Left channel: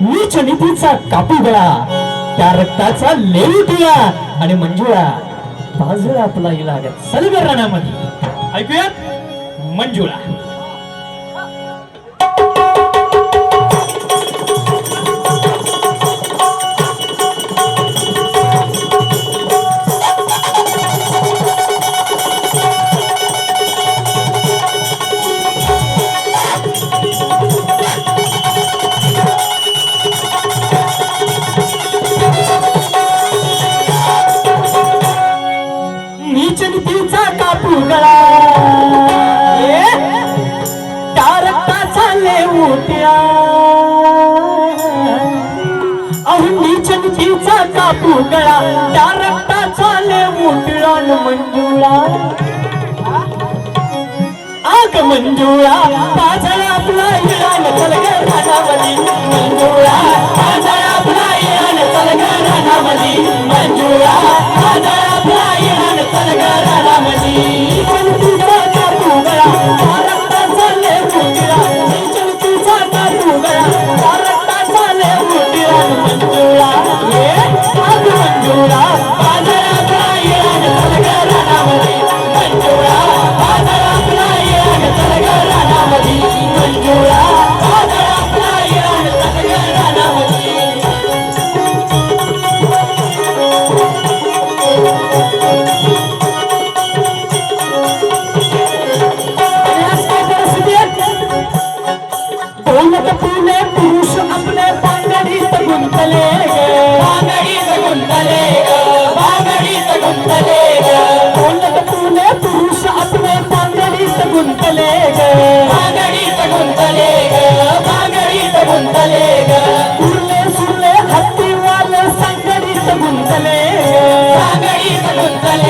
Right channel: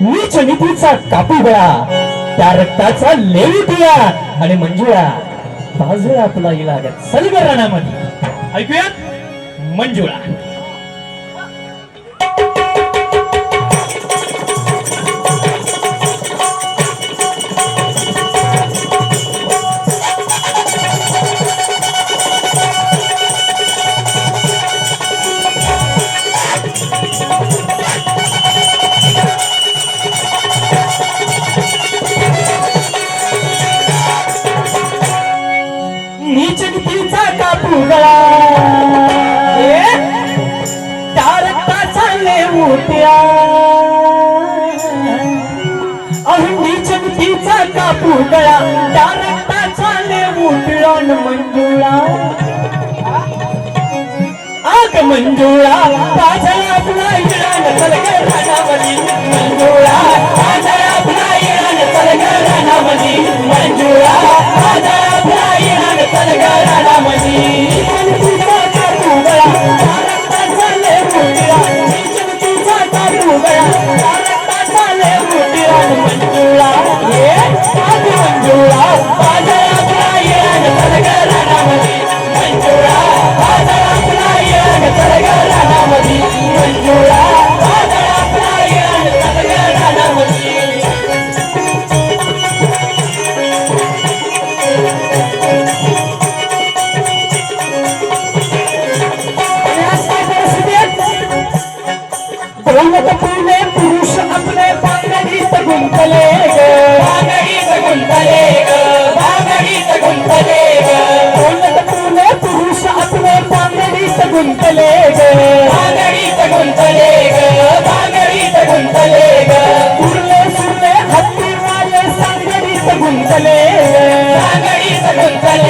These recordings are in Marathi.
नीच नीतीचा कापी गळा त्या रक्ताचा लेवी पिया. आणि मंजुळा बाजूला आपला इलाज सलगर राणामध्ये ऐकूयात? मंजुळा. आगमन मंजुळा आगमन जुळा माझा लागला तोलगतीने पुरुष आपले पांगडीत गुंतले पांगडीत गुंतले पांगडीत गुंतले पुरुष आपले पांगडीत गुंतले पांगडीत गुंतले पांगडीत गुंतले हत्ती वाले सांगडीत गुंतले सांगडीत गुंतले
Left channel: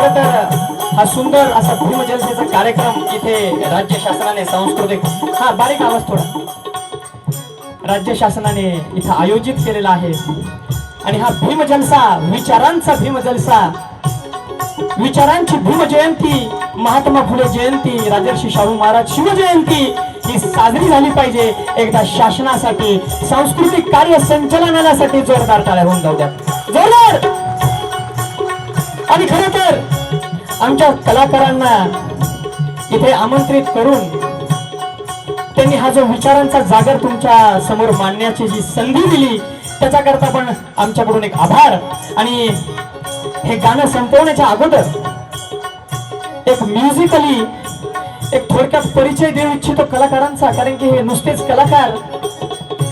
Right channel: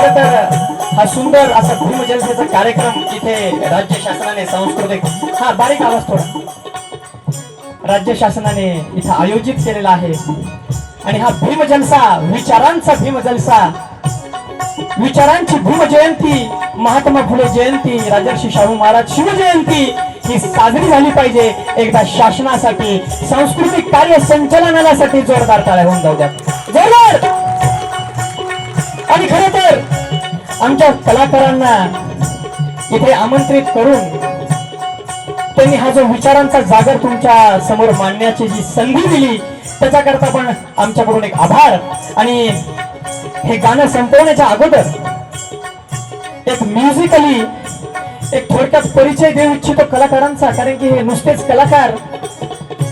खरं तर हा सुंदर असा भूमजलसेचा कार्यक्रम इथे राज्य शासनाने सांस्कृतिक हा बारीक आवाज थोडा. राज्य शासनाने इथं आयोजित केलेला आहे. आणि हा भीम जलसा विचारांचा भीम जलसा विचारांची भीम जयंती महात्मा फुले जयंती राजर्षी शाहू महाराज शिवजयंती ही साजरी झाली पाहिजे. एकदा शासनासाठी सांस्कृतिक कार्य संचालनासाठी जोरदार ताळ्या होऊन जाऊ द्या जोरदार! आणि खरं तर आमच्या कलाकारांना इथे आमंत्रित करून त्यांनी हा जो विचारांचा जागर तुमच्यासमोर मांडण्याची जी संधी दिली त्याच्याकरता पण आमच्याकडून एक आभार. आणि हे गाणं संपवण्याच्या अगोदर एक म्युझिकली एक थोडक्यात परिचय देऊ इच्छितो कलाकारांचा कारण की हे नुसतेच कलाकार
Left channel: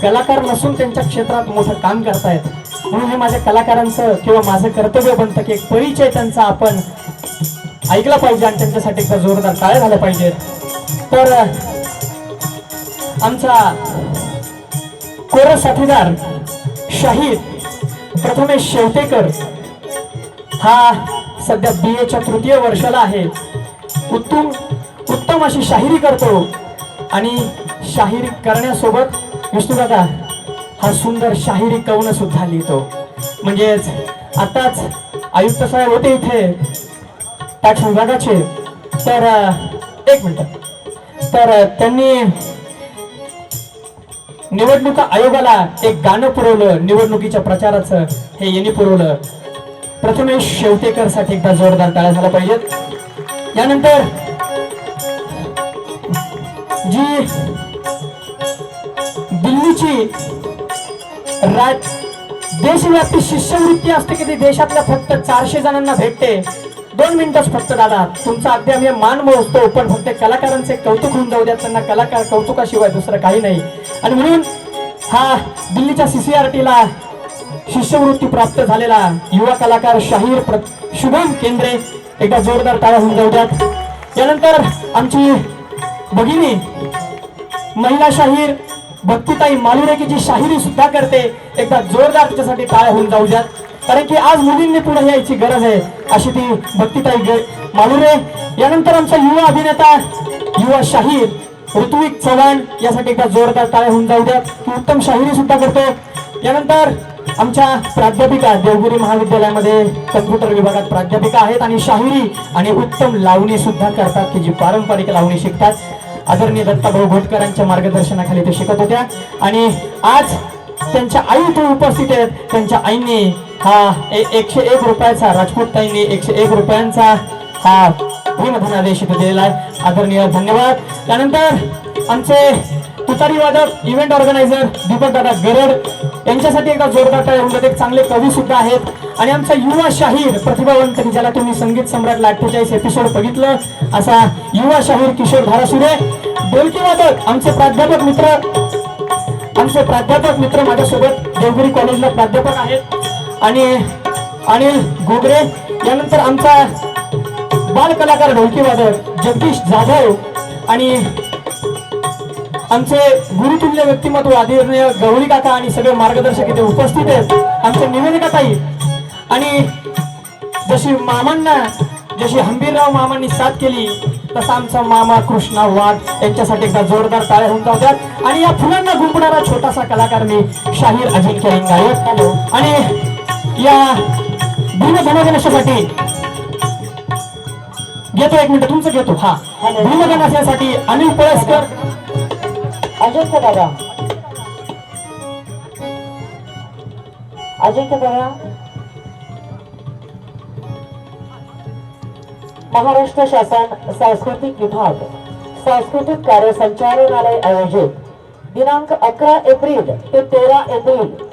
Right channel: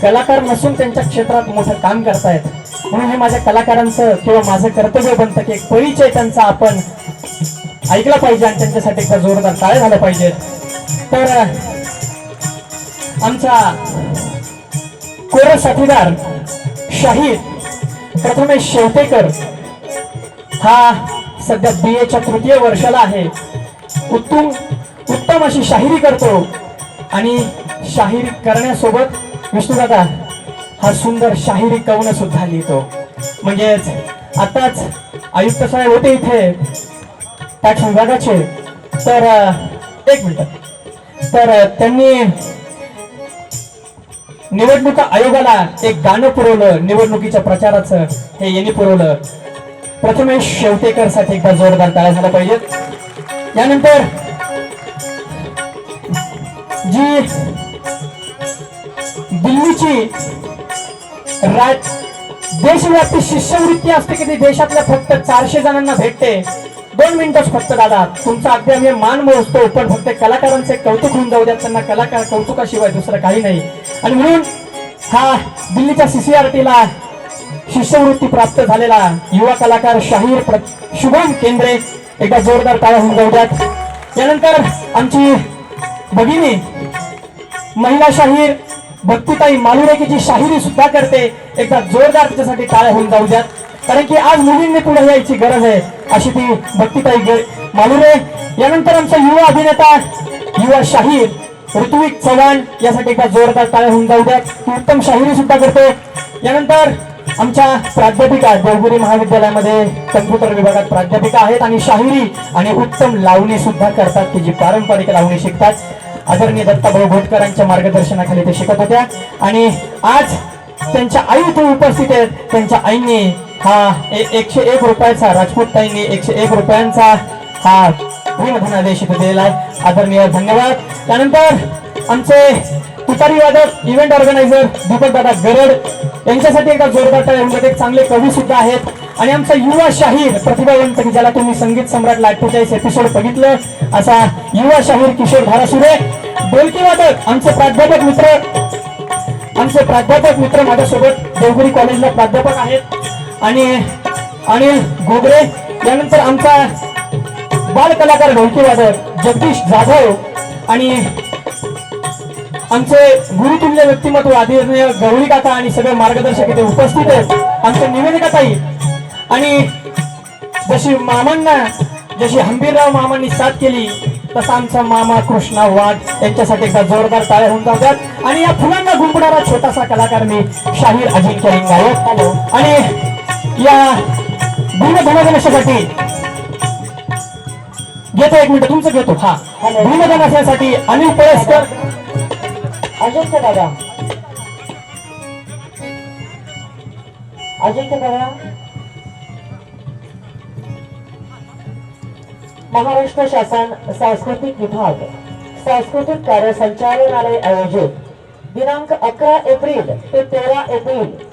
कलाकार नसून त्यांच्या क्षेत्रात मोठं काम करतायत. म्हणून हे माझ्या कलाकारांचं किंवा माझं कर्तव्य बनतं की एक परिचय त्यांचा आपण ऐकला पाहिजे आणि त्यांच्यासाठी एकदा जोरदार टाळ्या झाल्या पाहिजेत तर आमचा कोर साथीदार शाहीर प्रथमेश शेवटेकर हा सध्या बी एच्या तृतीय वर्षाला आहे. उत्तम उत्तम अशी शाहिरी करतो आणि शाहिरी करण्यासोबत विष्णुदादा हा सुंदर शाहिरी कवन सुद्धा लिहितो. म्हणजेच आताच आयुक्त साहेब होते इथे. टॅक्स विभागाचे तर एक मिनिट. तर त्यांनी निवडणुका आयोगाला एक गाणं पुरवलं निवडणुकीच्या प्रचाराचं. हे यांनी पुरवलं. प्रथमेश शेवटेकरसाठी एकदा जोरदार तयार झाला पाहिजे यानंतर जी दिल्लीची राज देशव्यापी शिष्यवृत्ती असते की ती देशातल्या फक्त चारशे जणांना भेटते. दोन मिनिटच फक्त दादा. तुमचा अगदी आम्ही मान मोजतो पण फक्त कलाकारांचे कौतुक होऊन जाऊ द्या त्यांना कलाकार कौतुकाशिवाय दुसरं काही नाही. आणि म्हणून हा दिल्लीच्या सीसीआरटीला शिष्यवृत्ती प्राप्त झालेला युवा कलाकार शाहीर शुभम केंद्रे एकदा जोरदार टाळ्या होऊन जाऊ द्यात. यानंतर आमची भगिनी महिला शाहीर भक्तिताई मालुरेकीची शाहिरी सुद्धा करते. एकदा जोरदार तिच्यासाठी टाळ्या होऊन जाऊ द्यात. कारण की आज मुलींनी पुढे यायची गरज आहे. अशी ती भक्तीताई मालुरे यानंतर आमचा युवा अभिनेता युवा शाहीर ऋत्विक चव्हाण यासाठी एकदा जोरदार टाळ्या होऊन जाऊ द्या. उत्तम शाहिरी सुद्धा करते. यानंतर आमच्या प्राध्यापिका देवगुरी महाविद्यालयामध्ये कम्प्युटर विभागात प्राध्यापिका आहेत आणि शाहिरी आणि उत्तम लावणी सुद्धा करतात. की जी पारंपरिक लावणी शिकतात. आदरणीय दत्ताभाऊ घोटकरांच्या मार्गदर्शनाखाली ते शिकत होत्या. आणि आज त्यांच्या आई इथे उपस्थित आहेत. त्यांच्या आईने हा एकशे एक रुपयाचा राजपूत ताईंनी एकशे एक रुपयांचा हा धनादेश इथे दिलेला आहे आदरणीय धन्यवाद. त्यानंतर आमचे तुतारी वादक इव्हेंट ऑर्गनायझर दीपक दादा गरड यांच्यासाठी एका जोरदार टाळ्या एक चांगले कवी सुद्धा आहेत. आणि आमचा युवा शाहीर प्रतिभावंत की ज्याला तुम्ही संगीत सम्राट अठ्ठेचाळीस एपिसोड बघितलं असा युवा शाहीर किशोर धारासुरे डोलकी वादक आमचे प्राध्यापक मित्र. आमचे प्राध्यापक मित्र माझ्यासोबत देवगिरी कॉलेजला प्राध्यापक आहेत. आणि अनिल घोगरे यानंतर आमचा बाल कलाकार ढोलकी वादक जगदीश जाधव आणि आमचे गुरुतुल्य व्यक्तिमत्व आदरणीय गौरी काका आणि सगळे मार्गदर्शक इथे उपस्थित आहेत. आमचे निवेदिका ताई आणि जशी मामांना जशी हंबीरराव मामांनी साथ केली तसा आमचा मामा कृष्णा वाघ यांच्यासाठी एकदा जोरदार टाळ्या होऊन जातात. आणि या फुलांना गुंफणारा छोटासा कलाकार मी शाहीर अजिंक्य लिंगायत. हॅलो आणि या. भीमधनगणेशासाठी घेतो एक मिनिट तुमचं घेतो. हा. भीमधनासाठी अनिल पळसकर. अजिंक्य दादा. अजिंक्य दादा. महाराष्ट्र शासन सांस्कृतिक विभाग सांस्कृतिक कार्य संचालनालय आयोजित. दिनांक अकरा एप्रिल ते तेरा एप्रिल